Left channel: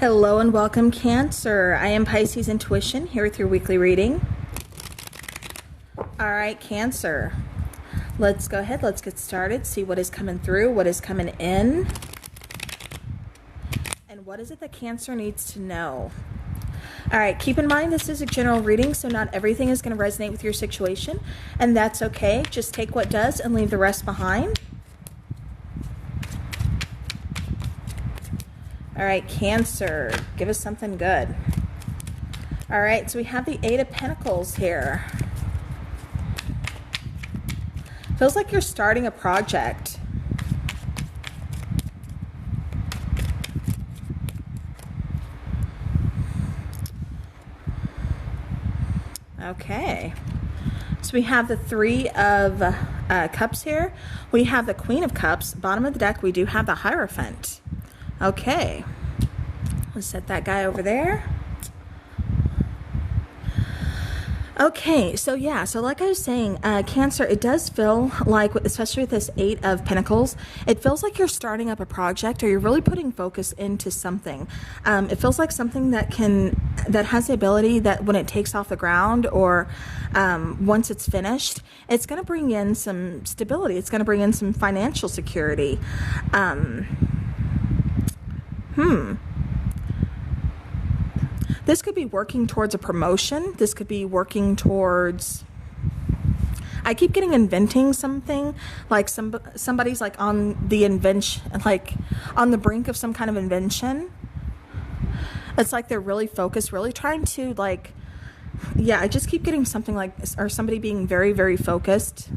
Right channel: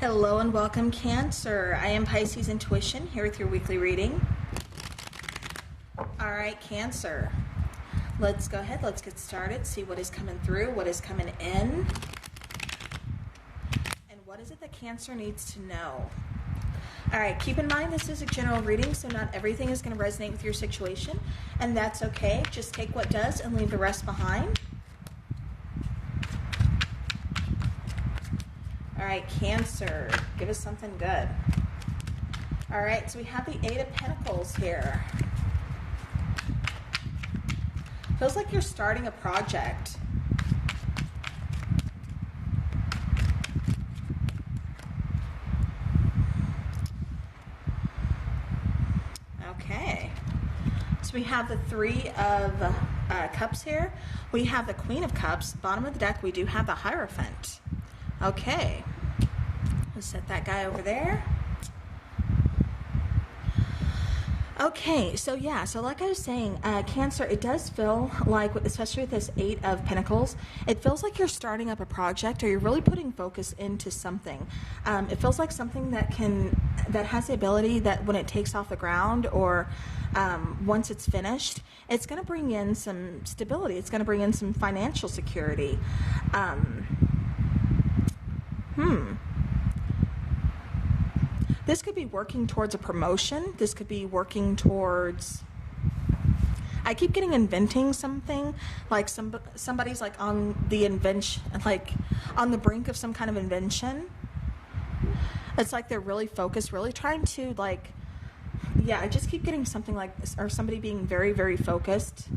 Hello and welcome, Cancer. I am Pisces Intuition here with your weekly reading. All right, Cancer. Let's go ahead. Let's get started. See what is coming through, what is coming in, and what is it that Cancer needs to know. All right, keep in mind this is a general reading, so not everything is going to resonate with your situation, and that's okay. Just take what does and leave the rest behind. All right, Cancer, give us something good. All right, so we have the Eight of Pentacles here. Feels like you're starting a project. Okay. So we have the Three of Cups here. We have the Queen of Cups. Bottom of the deck, we do have the Hierophant. Okay, let's set that guy over there. Okay, so yeah, so like I was saying, Cancer, it does feel like, especially with this Eight of Pentacles, it feels like you're starting up a project, or you're really putting focus into something. It feels like something that has the ability that when it takes off the ground, or once it's finished, it's going to bring in some stability. It's going to bring in some financial security. This could be working towards a promotion. This could be working towards, I keep getting inventing something, like somebody's like on the invention, like on the brink of some kind of invention. It's like they're really focused, really trying to, like, yeah, I just keep getting something like, or somebody being very, very focused.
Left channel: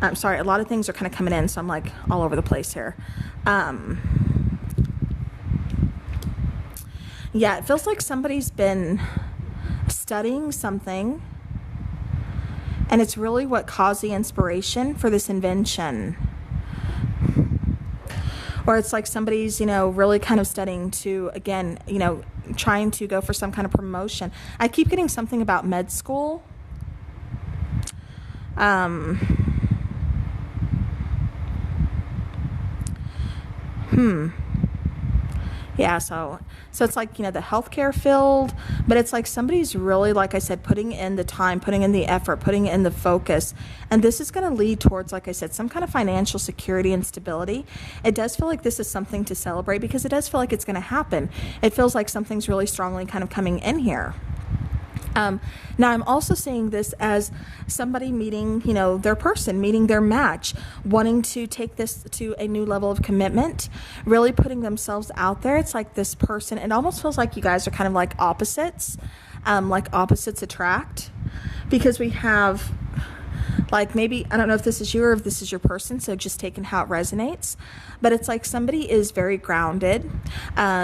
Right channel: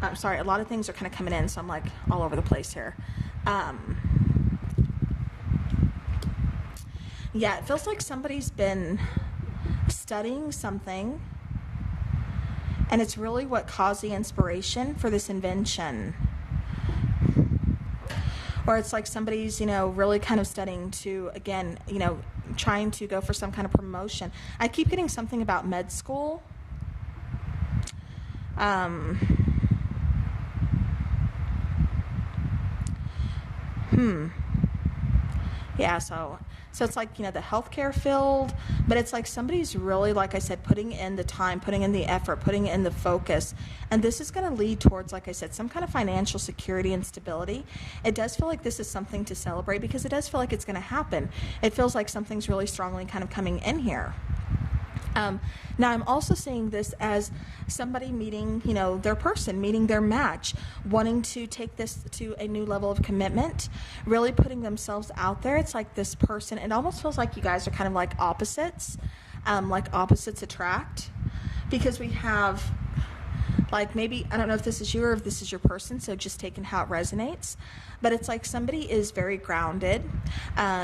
I'm sorry, a lot of things are kind of coming in, so I'm like all over the place here. Yeah, it feels like somebody's been studying something, and it's really what caused the inspiration for this invention. Or it's like somebody's, really kind of studying to, again, trying to go for some kind of promotion. I keep getting something about med school. Yeah, so it's like, the healthcare field, but it's like somebody's really, like I said, putting in the time, putting in the effort, putting in the focus. And this is going to lead towards, like I said, some kind of financial security and stability. It does feel like this is something to celebrate, because it does feel like it's going to happen. It feels like something's really strongly kind of coming in here. Now, I'm also seeing this as somebody meeting, their person, meeting their match, wanting to take this to a new level of commitment, really putting themselves out there. It's like this person, it almost feels like you guys are kind of like opposites attract, because we have, like, maybe, I don't know if this is you or if this is your person, so just taking how it resonates. But it's like somebody is very grounded.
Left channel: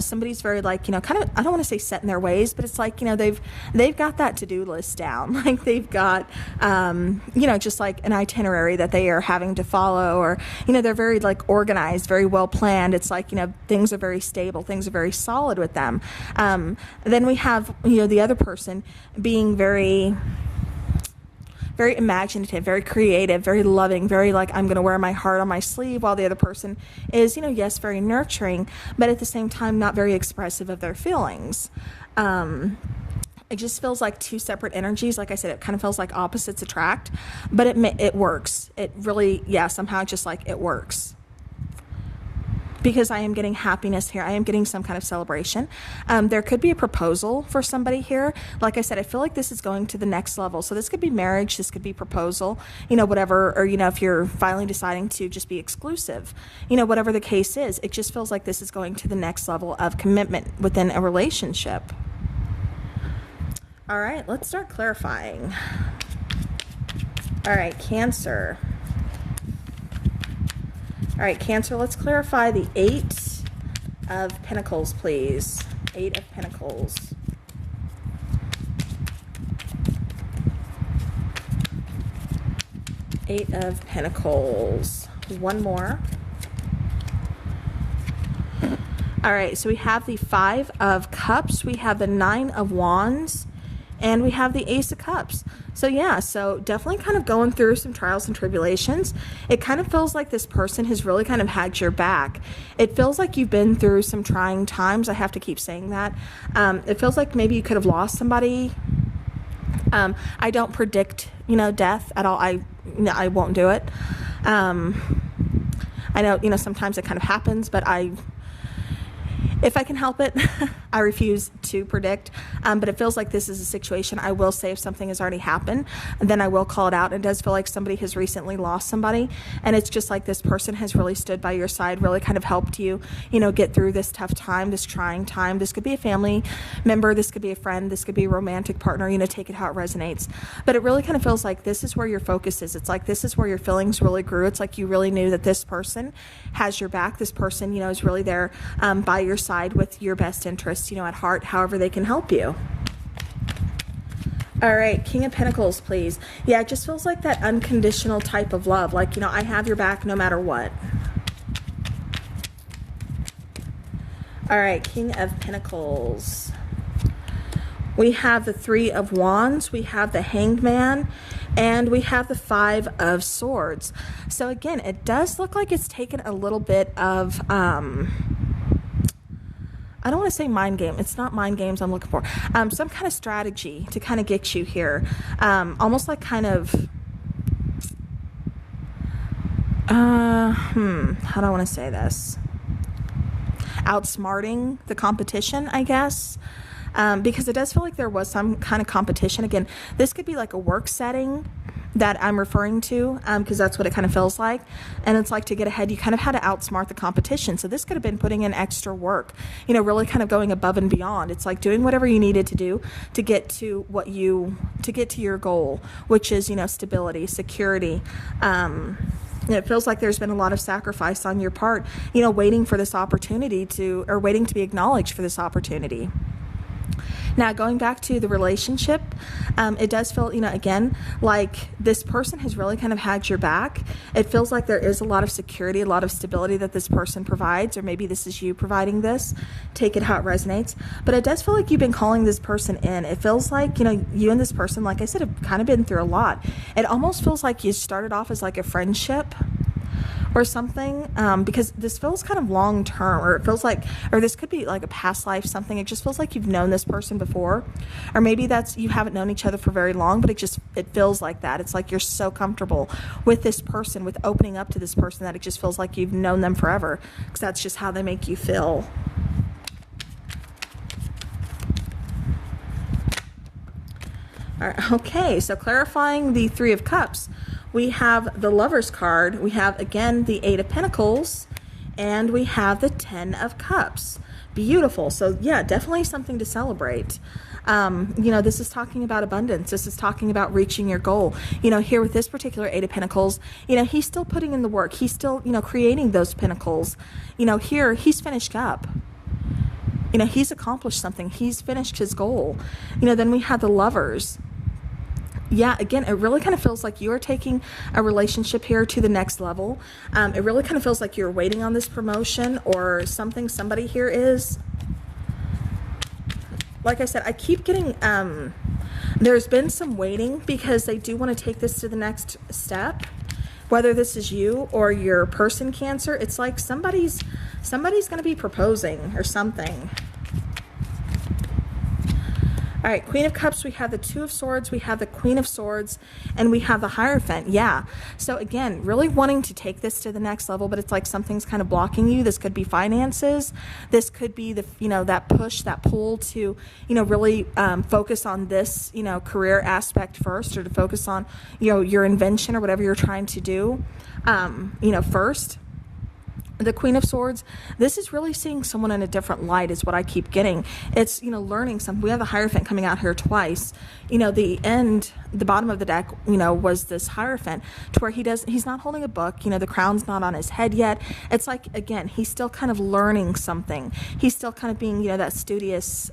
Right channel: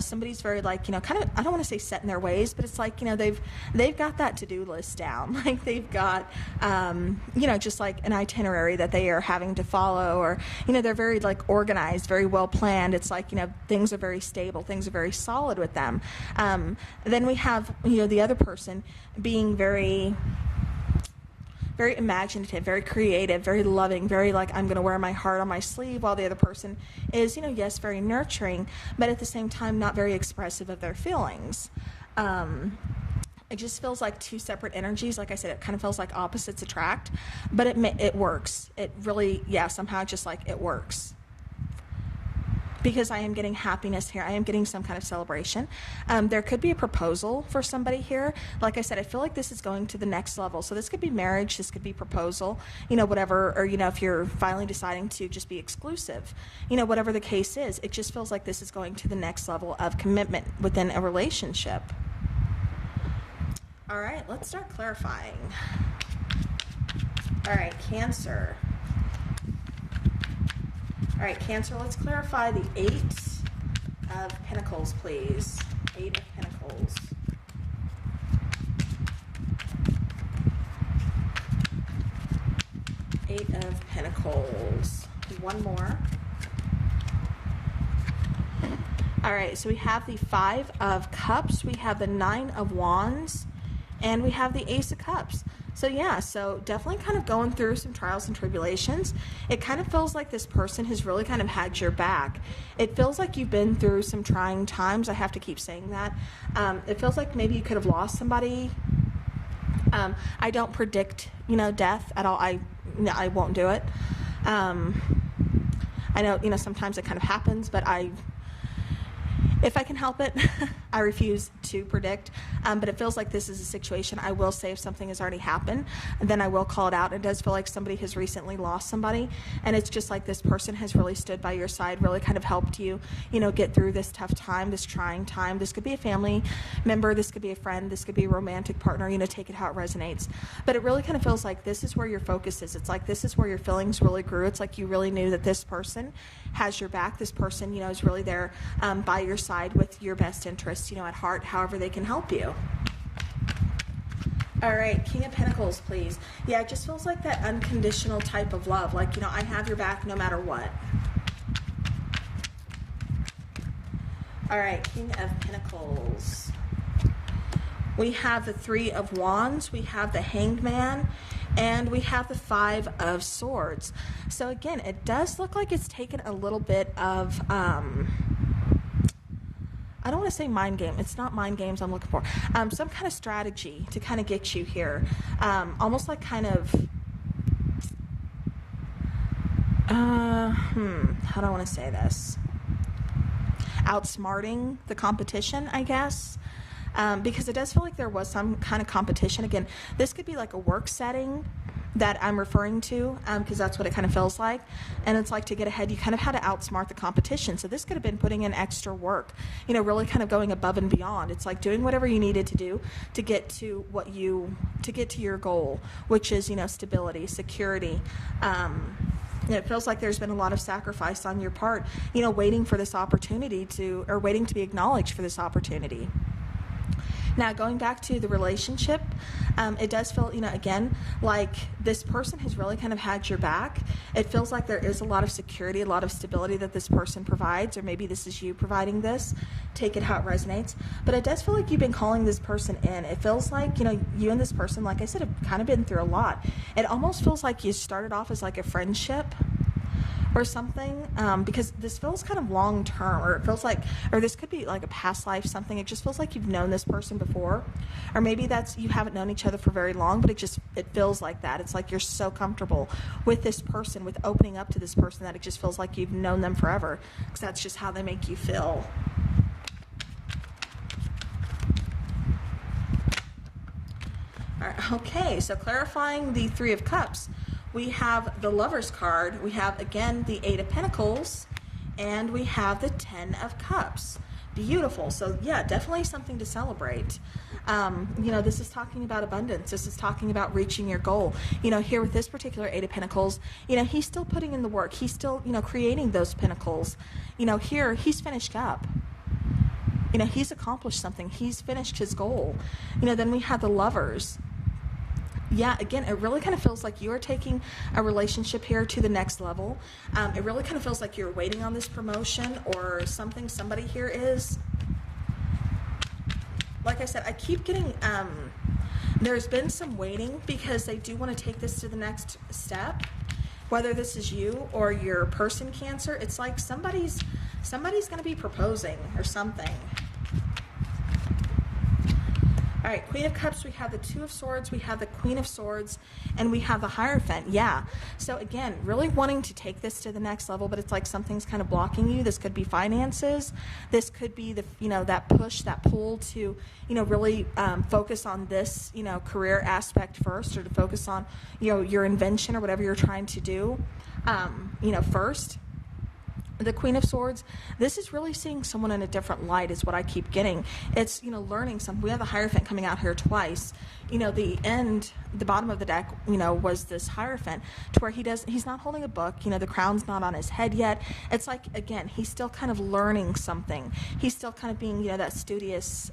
Somebody's very, like, kind of, I don't want to say set in their ways, but it's like, they've got that to-do list down. Like, they've got, just like an itinerary that they are having to follow, or, they're very, like, organized, very well planned. It's like, things are very stable, things are very solid with them. Then we have, the other person being very imaginative, very creative, very loving, very like, I'm going to wear my heart on my sleeve, while the other person is, yes, very nurturing, but at the same time not very expressive of their feelings. It just feels like two separate energies. Like I said, it kind of feels like opposites attract, but it works. It really, somehow just like it works. Because I am getting happiness here. I am getting some kind of celebration. There could be a proposal for somebody here. Like I said, I feel like this is going to the next level. So this could be marriage, this could be proposal, whatever, or, if you're finally deciding to just be exclusive, whatever the case is, it just feels like this is going to the next level of commitment within a relationship. All right, let's start clarifying. All right, Cancer. All right, Cancer, let's clarify the Eight of Pentacles, please. Eight of Pentacles. Eight of Pentacles. One more. All right, so we have the Five of Cups. We have the Nine of Wands. and we have the Ace of Cups. So yeah, so definitely kind of going through some trials and tribulations. It kind of feels like this person has really kind of had your back. It feels like you've been through some trying times. I have to keep saying that. It feels like maybe you could have lost somebody. I don't predict, death at all. I won't do it. I know, sometimes it kind of happens, but if I can help it, I refuse to predict. But it feels like this is a situation. I will say if something has already happened, then I will call it out. It does feel like somebody has recently lost somebody. And it's just like this person has really stood by your side, really kind of helped you, get through this tough time, this trying time. This could be a family member. This could be a friend. This could be a romantic partner. Take it how it resonates. But it really kind of feels like this is where your focus is. It's like this is where your feelings really grew. It's like you really knew that this person has your back. This person, is really there by your side with your best interests, at heart, however they can help you. All right, King of Pentacles, please. Yeah, it just feels like that unconditional type of love. Like, I have your back no matter what. All right, King of Pentacles. We have the Three of Wands, we have the Hanged Man, and we have the Five of Swords. So again, it does look like it's taken a little bit of, I don't want to say mind game. It's not mind games I'm looking for. Some kind of strategy to kind of get you here. Almost like kind of, how do I want to say this? Outsmarting the competition, I guess. Because it does feel like there was some kind of competition. Again, this could be like a work setting that I'm referring to, because that's what it kind of feels like. And it's like to get ahead, you kind of had to outsmart the competition. So this could have been putting in extra work, really kind of going above and beyond. It's like doing whatever you needed to do to get to your goal, which is, stability, security. It feels like there's been a lot of sacrifice on your part, waiting for this opportunity or waiting to be acknowledged for this opportunity. Now, going back to the relationship, it does feel, again, like this person has really kind of had your back. It feels like there is a lot of security, a lot of stability that this person provides, or maybe this is you providing this. Take it how it resonates. But it does feel like you've been calling this person in. It feels like, you and this person, like I said, have kind of been through a lot. It almost feels like you started off as like a friendship or something, because this feels kind of long term, or it feels like, or this could be like a past life something. It just feels like you've known this person before, or maybe that's you haven't known each other for very long, but it feels like that. It's like you're so comfortable with this person, with opening up to this person, that it just feels like you've known them forever, because that's just how they make you feel. All right, okay, so clarifying the Three of Cups. We have the Lover's card, we have, again, the Eight of Pentacles, and we have the Ten of Cups. Beautiful. So, yeah, definitely something to celebrate. This is talking about abundance. This is talking about reaching your goal. Here with this particular Eight of Pentacles, he's still putting in the work. He's still, creating those pinnacles. Here, he's finished up. He's accomplished something. He's finished his goal. Then we have the Lovers. Yeah, again, it really kind of feels like you're taking a relationship here to the next level. It really kind of feels like you're waiting on this promotion or something. Somebody here is. Like I said, I keep getting, there's been some waiting because they do want to take this to the next step. Whether this is you or your person, Cancer, it's like somebody's going to be proposing or something. All right, Queen of Cups, we have the Two of Swords, we have the Queen of Swords, and we have the Hierophant. Yeah. So again, really wanting to take this to the next level, but it's like something's kind of blocking you. This could be finances. This could be the, that push, that pull to, really focus on this, career aspect first, or to focus on, your invention or whatever you're trying to do, first. The Queen of Swords, this is really seeing someone in a different light is what I keep getting. It's, learning something. We have the Hierophant coming out here twice. The bottom of the deck, was this Hierophant to where he's not holding a book. The crown's not on his head yet. It's like, again, he's still kind of learning something. He's still kind of being, that studious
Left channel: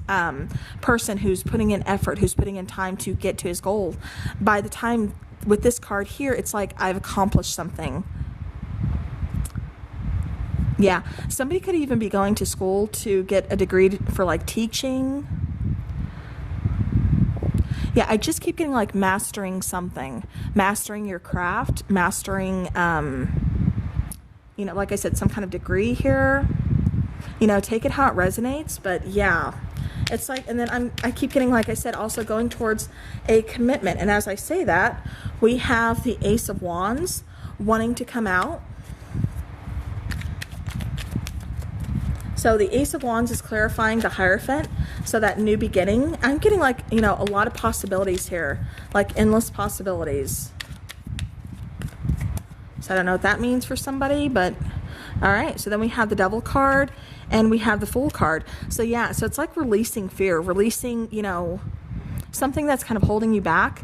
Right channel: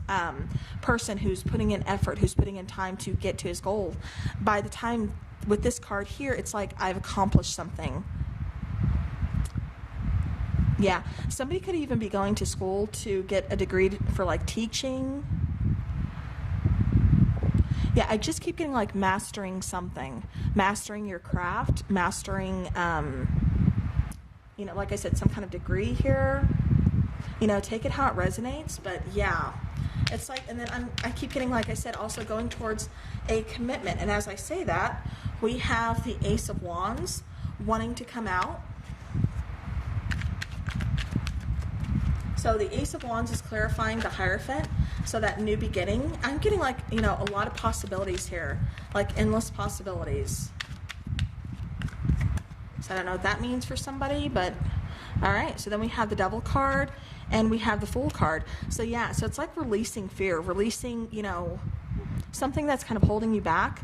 person who's putting in effort, who's putting in time to get to his goal. By the time with this card here, it's like I've accomplished something. Yeah, somebody could even be going to school to get a degree for like teaching. Yeah, I just keep getting like mastering something, mastering your craft, mastering, you know, like I said, some kind of degree here. You know, take it how it resonates, but yeah, it's like, and then I keep getting, like I said, also going towards a commitment. And as I say that, we have the Ace of Wands wanting to come out. So the Ace of Wands is clarifying the Hierophant, so that new beginning. I'm getting like, you know, a lot of possibilities here, like endless possibilities. So I don't know what that means for somebody, but all right. So then we have the Devil card and we have the Fool card. So yeah, so it's like releasing fear, releasing, you know, something that's kind of holding you back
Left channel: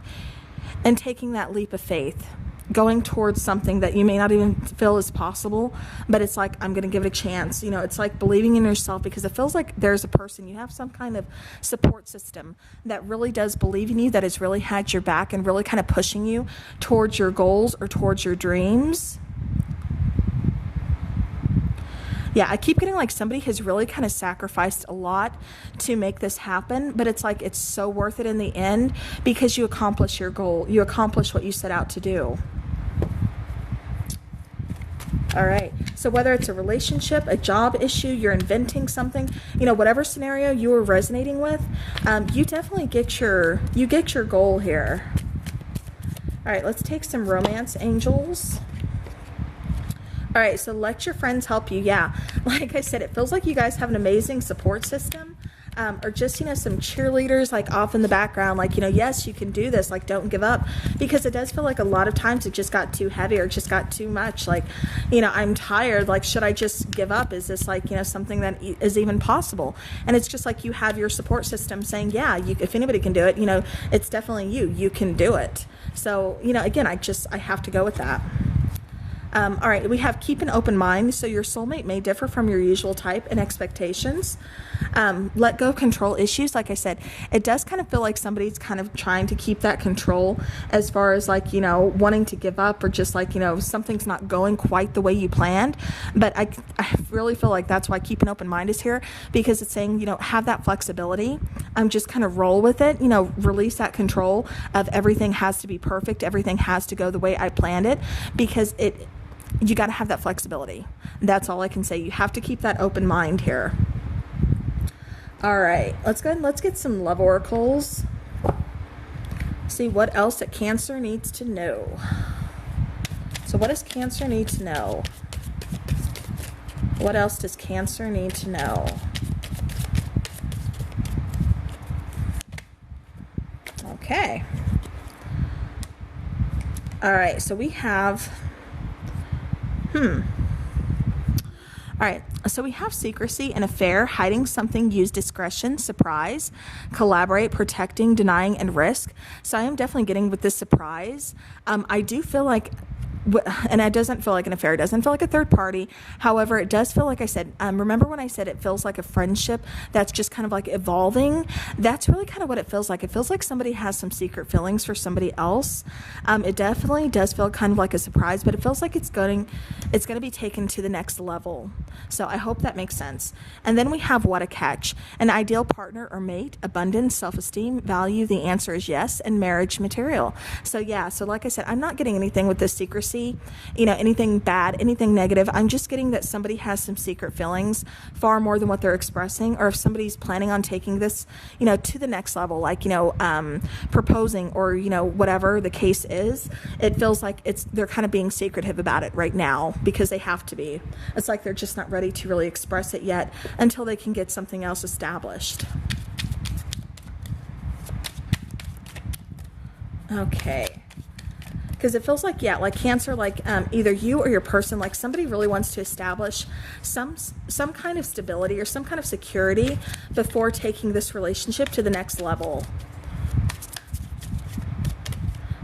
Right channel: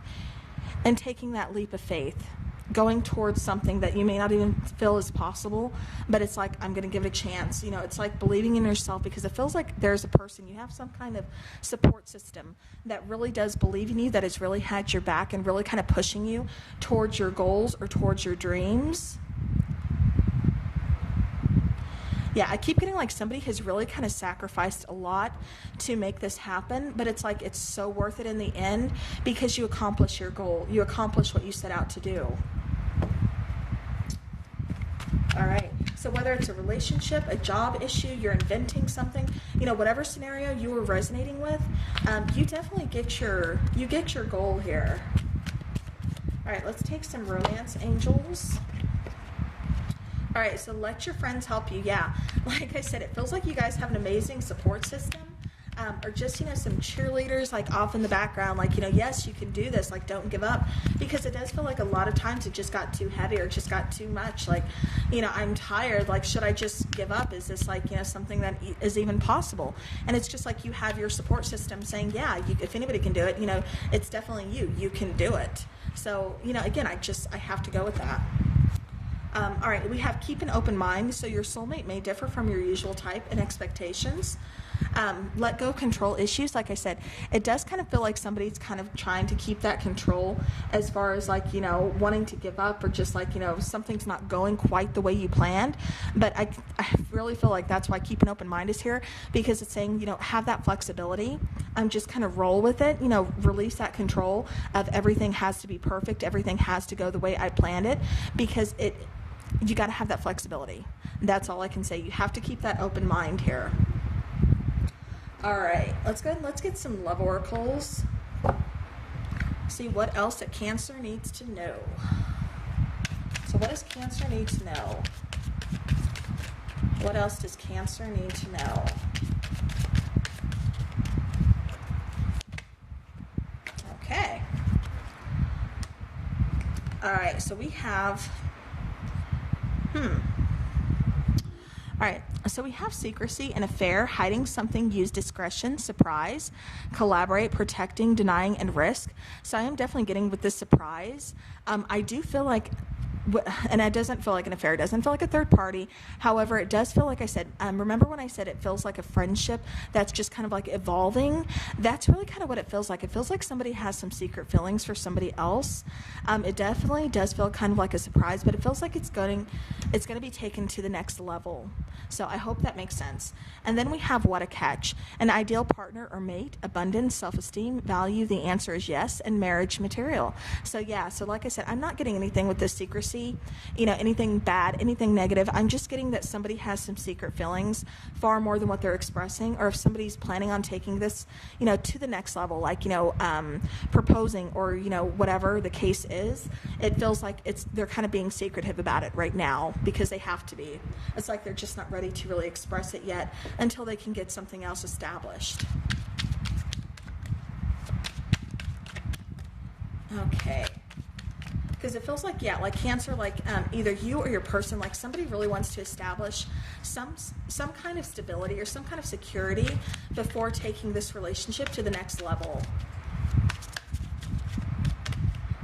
and taking that leap of faith, going towards something that you may not even feel is possible, but it's like, I'm going to give it a chance. You know, it's like believing in yourself, because it feels like there's a person, you have some kind of support system that really does believe in you, that has really had your back and really kind of pushing you towards your goals or towards your dreams. Yeah, I keep getting like somebody has really kind of sacrificed a lot to make this happen, but it's like it's so worth it in the end, because you accomplish your goal. You accomplish what you set out to do. All right, so whether it's a relationship, a job issue, you're inventing something, you know, whatever scenario you are resonating with, you definitely get your goal here. All right, let's take some romance angels. All right, so let your friends help you. Yeah, like I said, it feels like you guys have an amazing support system, or just, you know, some cheerleaders like off in the background, like, you know, yes, you can do this, like, don't give up, because it does feel like a lot of times it just got too heavy or it just got too much. Like, you know, I'm tired, like, should I just give up? Is this like, you know, something that is even possible? And it's just like you have your support system saying, yeah, if anybody can do it, you know, it's definitely you can do it. So, you know, again, I have to go with that. All right, we have keep an open mind. So your soulmate may differ from your usual type and expectations. Let go control issues. Like I said, it does kind of feel like somebody's kind of trying to keep that control, as far as like, you know, wanting to give up, or just like, you know, something's not going quite the way you planned. But I really feel like that's why keep an open mind is here, because it's saying, you know, have that flexibility. Just kind of roll with it, you know, release that control of everything has to be perfect. Everything has to go the way I planned it, because you got to have that flexibility. That's all I can say. You have to keep that open mind here. All right, let's go ahead and let's get some love oracles. See what else that Cancer needs to know. So what does Cancer need to know? What else does Cancer need to know? Okay. All right, so we have all right, so we have secrecy, an affair, hiding something, use discretion, surprise, collaborate, protecting, denying, and risk. So I am definitely getting with this surprise. I do feel like, and it doesn't feel like an affair, it doesn't feel like a third party. However, it does feel like I said, remember when I said it feels like a friendship that's just kind of like evolving? That's really kind of what it feels like. It feels like somebody has some secret feelings for somebody else. It definitely does feel kind of like a surprise, but it feels like it's going to be taken to the next level. So I hope that makes sense. And then we have what a catch, an ideal partner or mate, abundance, self-esteem, value. The answer is yes, and marriage material. So yeah, so like I said, I'm not getting anything with this secrecy, you know, anything bad, anything negative. I'm just getting that somebody has some secret feelings, far more than what they're expressing, or if somebody's planning on taking this, you know, to the next level, like, you know, proposing, or, you know, whatever the case is, it feels like they're kind of being secretive about it right now, because they have to be. It's like they're just not ready to really express it yet until they can get something else established. Okay. Because it feels like, yeah, like Cancer, like either you or your person, like somebody really wants to establish some kind of stability or some kind of security before taking this relationship to the next level.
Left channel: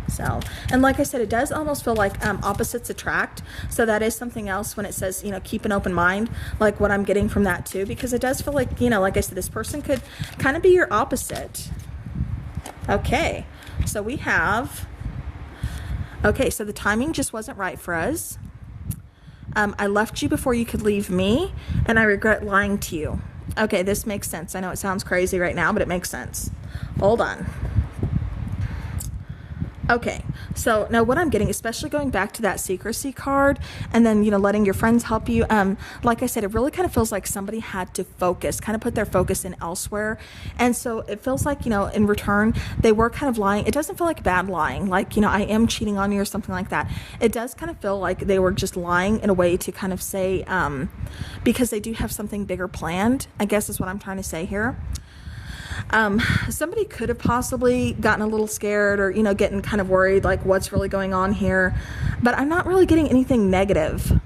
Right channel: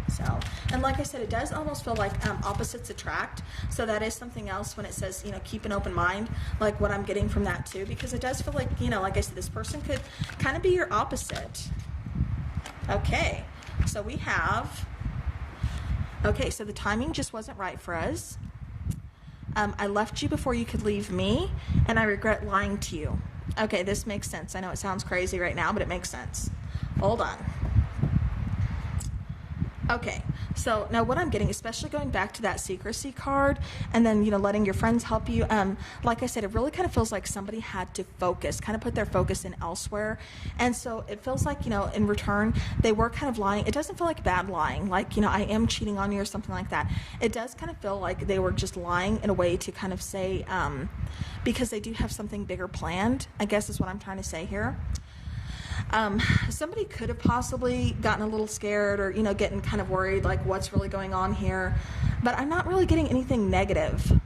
So, and like I said, it does almost feel like opposites attract. So that is something else when it says, you know, keep an open mind, like what I'm getting from that too, because it does feel like, you know, like I said, this person could kind of be your opposite. Okay, so we have, okay, so the timing just wasn't right for us. I left you before you could leave me, and I regret lying to you. Okay, this makes sense. I know it sounds crazy right now, but it makes sense. Hold on. Okay, so now what I'm getting, especially going back to that secrecy card and then, letting your friends help you, like I said, it really kind of feels like somebody had to focus, kind of put their focus in elsewhere. And so it feels like, in return, they were kind of lying. It doesn't feel like bad lying, like, I am cheating on you or something like that. It does kind of feel like they were just lying in a way to kind of say, because they do have something bigger planned, I guess is what I'm trying to say here. Somebody could have possibly gotten a little scared or, getting kind of worried, like what's really going on here, but I'm not really getting anything negative.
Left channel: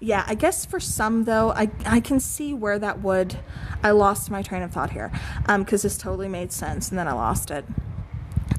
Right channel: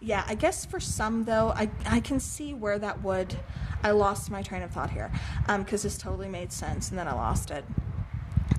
Yeah, I guess for some though, I can see where that would, I lost my train of thought here, because this totally made sense and then I lost it.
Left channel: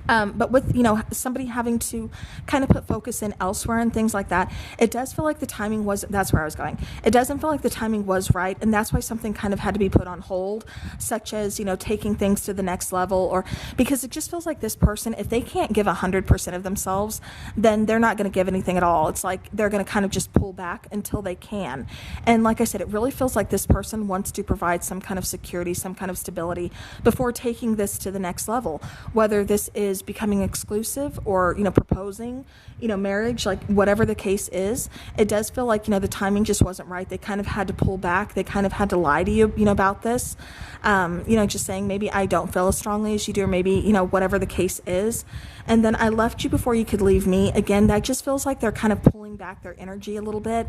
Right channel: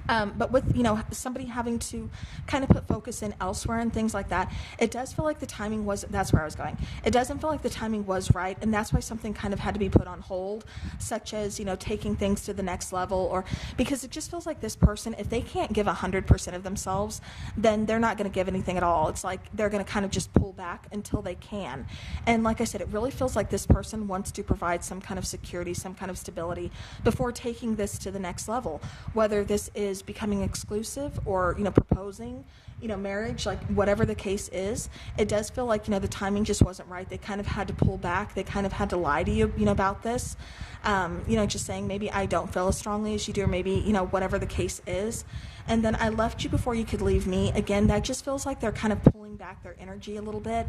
But with, somebody having to kind of put focus in elsewhere and things like that, it does feel like the timing was, that's where I was going. It doesn't feel like the timing was right, and that's why something kind of had to be put on hold, such as, taking things to the next level, or because it just feels like this person, if they can't give 100% of themselves, then they're not going to give anything at all. It's like they're going to kind of just pull back until they can. And like I said, it really feels like this person wants to provide some kind of security, some kind of stability before taking this to the next level, whether this is becoming exclusive or, proposing, marriage, like whatever the case is. It does feel like, the timing just wasn't right. They kind of had to pull back. They kind of had to lie to you, about this, just saying maybe I don't feel as strongly as you do, or maybe, whatever the case is. And then I left you before you could leave me. Again, that just feels like they're kind of pulling back their energy a little bit,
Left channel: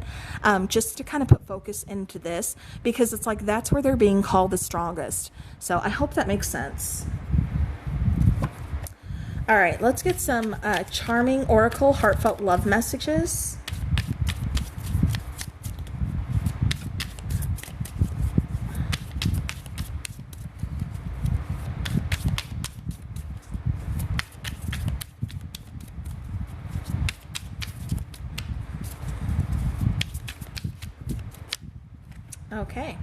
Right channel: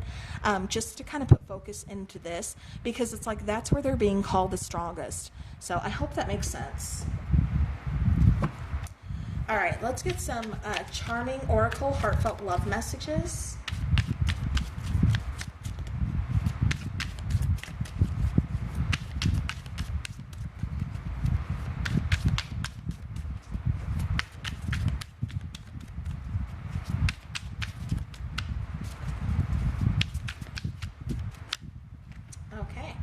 just to kind of put focus into this, because it's like that's where they're being called the strongest. So I hope that makes sense. All right, let's get some charming oracle heartfelt love messages. Okay.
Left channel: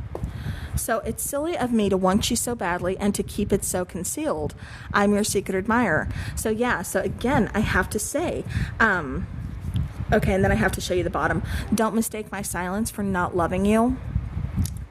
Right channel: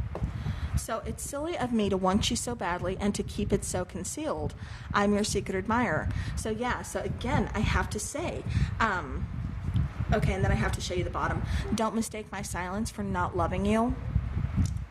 So it's silly of me to want you so badly and to keep it so concealed. I'm your secret admirer. So yeah, so again, I have to say, okay, and then I have to show you the bottom. Don't mistake my silence for not loving you.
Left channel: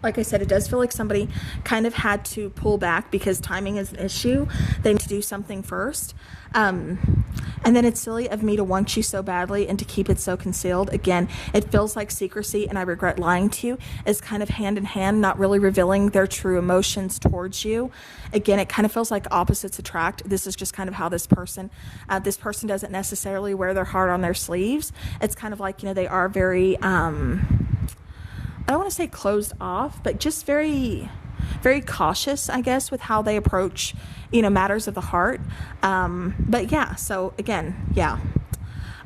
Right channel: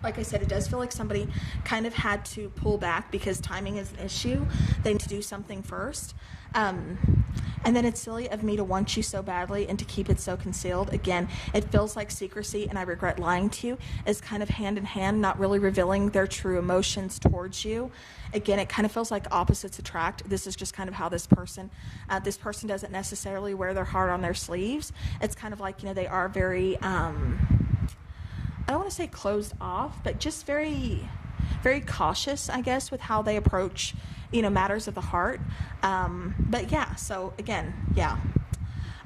Like I said, it does feel like somebody kind of had to pull back because timing is an issue. They need to do something first. And then it's silly of me to want you so badly and to keep it so concealed. Again, it feels like secrecy, and I regret lying to you, is kind of hand in hand, not really revealing their true emotions towards you. Again, it kind of feels like opposites attract. This is just kind of how this person doesn't necessarily wear their heart on their sleeves. It's kind of like, they are very, I don't want to say closed off, but just very, very cautious, I guess, with how they approach, matters of the heart. But yeah, so again, yeah.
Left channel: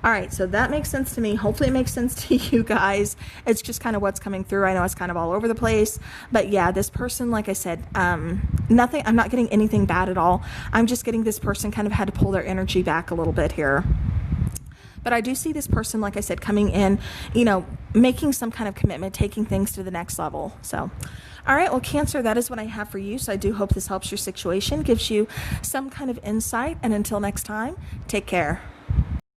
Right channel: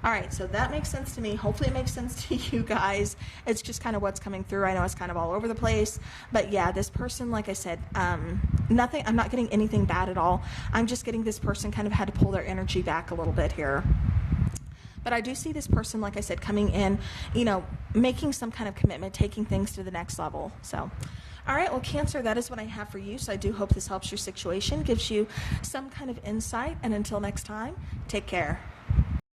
All right, so that makes sense to me. Hopefully it makes sense to you guys. It's just kind of what's coming through. I know it's kind of all over the place, but yeah, this person, like I said, nothing, I'm not getting anything bad at all. I'm just getting this person kind of had to pull their energy back a little bit here. But I do see this person, like I said, coming in, making some kind of commitment, taking things to the next level. So, all right, well, Cancer, that is what I have for you. So I do hope this helps your situation, gives you some kind of insight. And until next time, take care.